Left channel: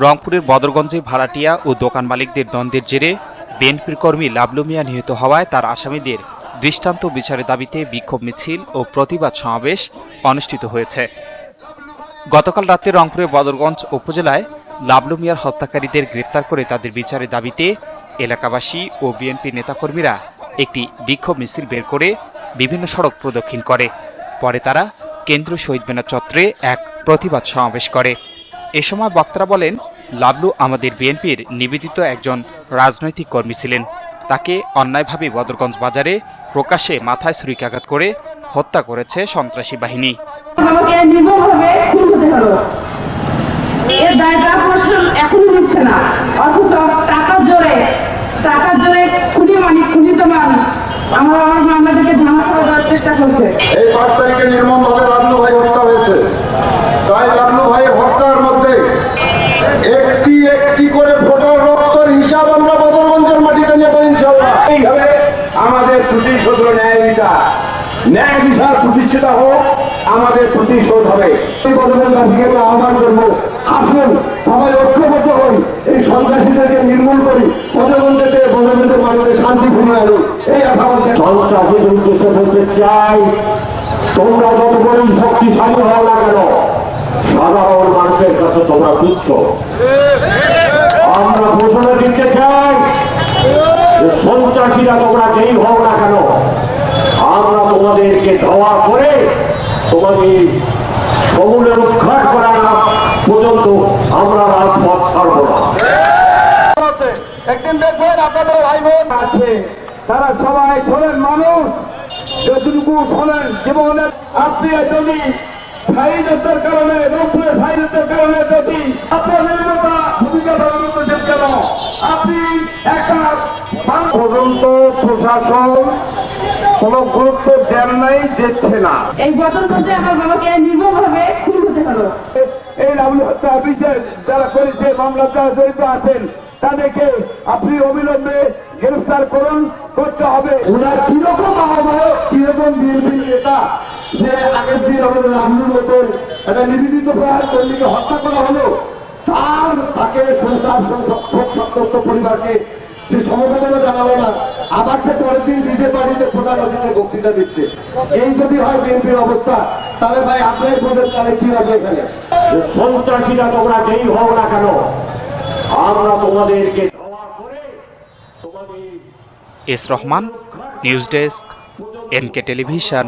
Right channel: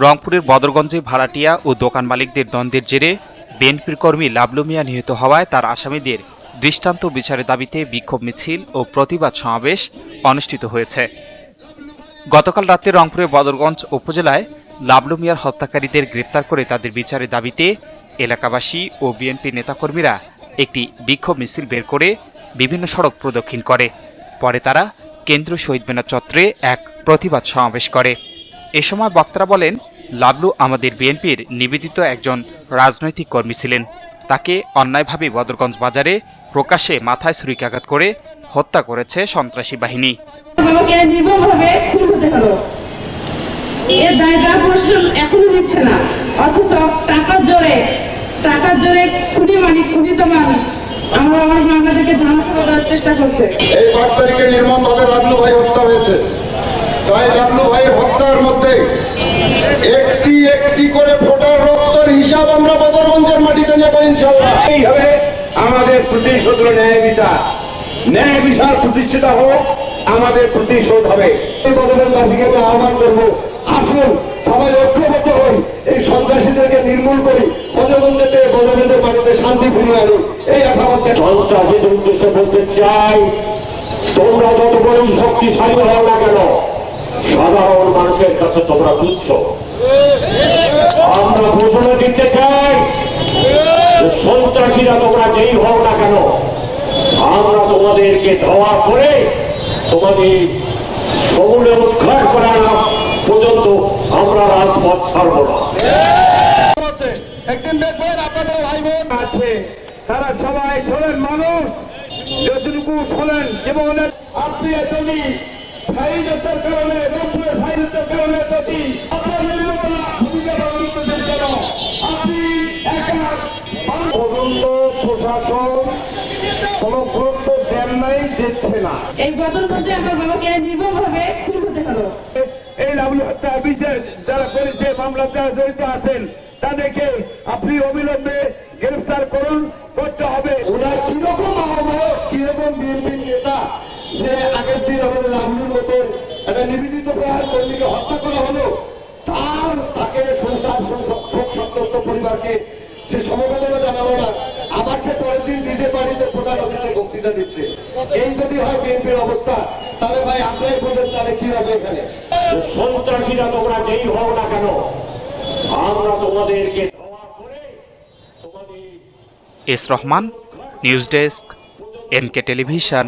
রংপুরের বদরগঞ্জে ভাড়াটিয়া ও দোকান মালিকদের দ্বন্দ্বের জেরে বিএনপির কর্মী লাবলু মিয়া নিহত হওয়ায় তার আসামিদের দৃষ্টান্ত বিচারের দাবিতে বিক্ষোভ মিছিল ও প্রতিবাদ সমাবেশ অনুষ্ঠিত হয়েছে। গতকাল রাতে রংপুরের বদরগঞ্জ উপজেলায় লাবলু মিয়ার হত্যাকারীদের গ্রেফতার করে তাদের বিচারের দাবিতে এলাকাবাসী ও বিএনপি নেতাকর্মীরা একটি বিক্ষোভ মিছিল বের করে বিভিন্ন সড়ক প্রদক্ষিণ করে। পরে তারা কেন্দ্রীয় শহীদ মিনার চত্বরে এক প্রতিবাদ সমাবেশ করে। এ সময় বক্তারা বলেন লাবলু আমাদের বিএনপির নিবেদিত একজন রাজনৈতিক কর্মী ছিলেন। তাকে অন্যায়ভাবে বদরগঞ্জ বাজারে প্রকাশ্যে মাথায় ছুরিকাঘাত করে হত্যা করেছে সন্ত্রাসী বাহিনী। আমাকে নির্মমভাবে খুন হতে হলো। এর দায়টা প্রশাসন এখনও নিচ্ছে না। অথচ টাকার জোরে টাকার জোরে খুনি মানি খুনি জমান আমরা আমার মামলাটাকে ধামা চাপা দেওয়ার চেষ্টা করছে। এই পাঁচ তারিখে নির্মমভাবে লাবলু ভাই হত্যা হয়েছে। তাই লাবলু ভাইয়ের হত্যার মধ্যে একটি একটি করে ফোটার রক্তের হিসাব আমরা বদরগঞ্জের মাটিতে নেব ইনশাল্লাহ এইভাবে আমাদের প্রতিশোধ ন্যায় বিচার। ন্যায় বিচার প্রতিষ্ঠিত হোক, আমাদের প্রতিশোধ হবে। বদরগঞ্জবাসীকে আমি আহ্বান করব, আসুন, সবাই ঐক্যবদ্ধ হই, এই সন্ত্রাসীদেরকে নির্মূল করি, বদরগঞ্জেতে, বদরগঞ্জের মাটিতে শান্তি ফিরিয়ে আনুন এই আশাবাদ ব্যক্ত সন্ত্রাসী যুদ্ধ শেষ চাই। তোমরা যত বড়ই শক্তিশালী হও না কেন কাছে তোমরা তুচ্ছ আমরা ঘোষণা দিতে চাই সন্ত্রাসীরা তোমরা যেই হও না কেন, আমরা তোমাদেরকে ধাওয়া করে তোমাদের সমূলে উৎখাট করা না পর্যন্ত আমরা রাজপথ ছাড়ব না। একদিন দেখবেন আপনাদের ভাই বোন আছে, তারা সবাই শোনেন মানুষ, যতটুকু শোনেন জীবনের আপনি যদি স্থায়ীত্বের কারণে রূপে স্থায়ীত্বের কারণে যদি আপনার ভূমিকা পালন করছেন কেন আপনি একা মানুষ পর্যন্ত প্রশাসন কোন গুরুত্ব দেন নাই দিচ্ছে না। এই বদলগঞ্জে আমার বাবাকে নির্মমভাবে খুন হতে হলো। এই লাভলি হত্যা বিচার যারা করেছে মামলা যারা জড়িত আছেন তাদেরকে আপনি অবিলম্বে গ্রেফতার করুন করতে হবে। ওনার কীরকম আহ্বায়ক কীরকম বিএনপির নেতা যে আগের দিন আমাদের মতন একটা নিবেদিত প্রয়ার কর্মীকে হত্যা করা হলো তার তাকে সংসার সন্তপ্ত পরিবারকে সে সমবেদনা জানালো না আবার সে পরের দিন নিজের বাড়িতে প্রধান অতিথি বক্তৃতা দিচ্ছে। এই যদি হয় বিএনপির অবস্থা তাহলে ভাই আপনার বোঝেন তাহলে কি হবে এখানে? সন্ত্রাসীরা তোমরা যেই হও না কেন আমরা তোমাদেরকে ধাওয়া করে তোমাদের S Rahman news desk NK television.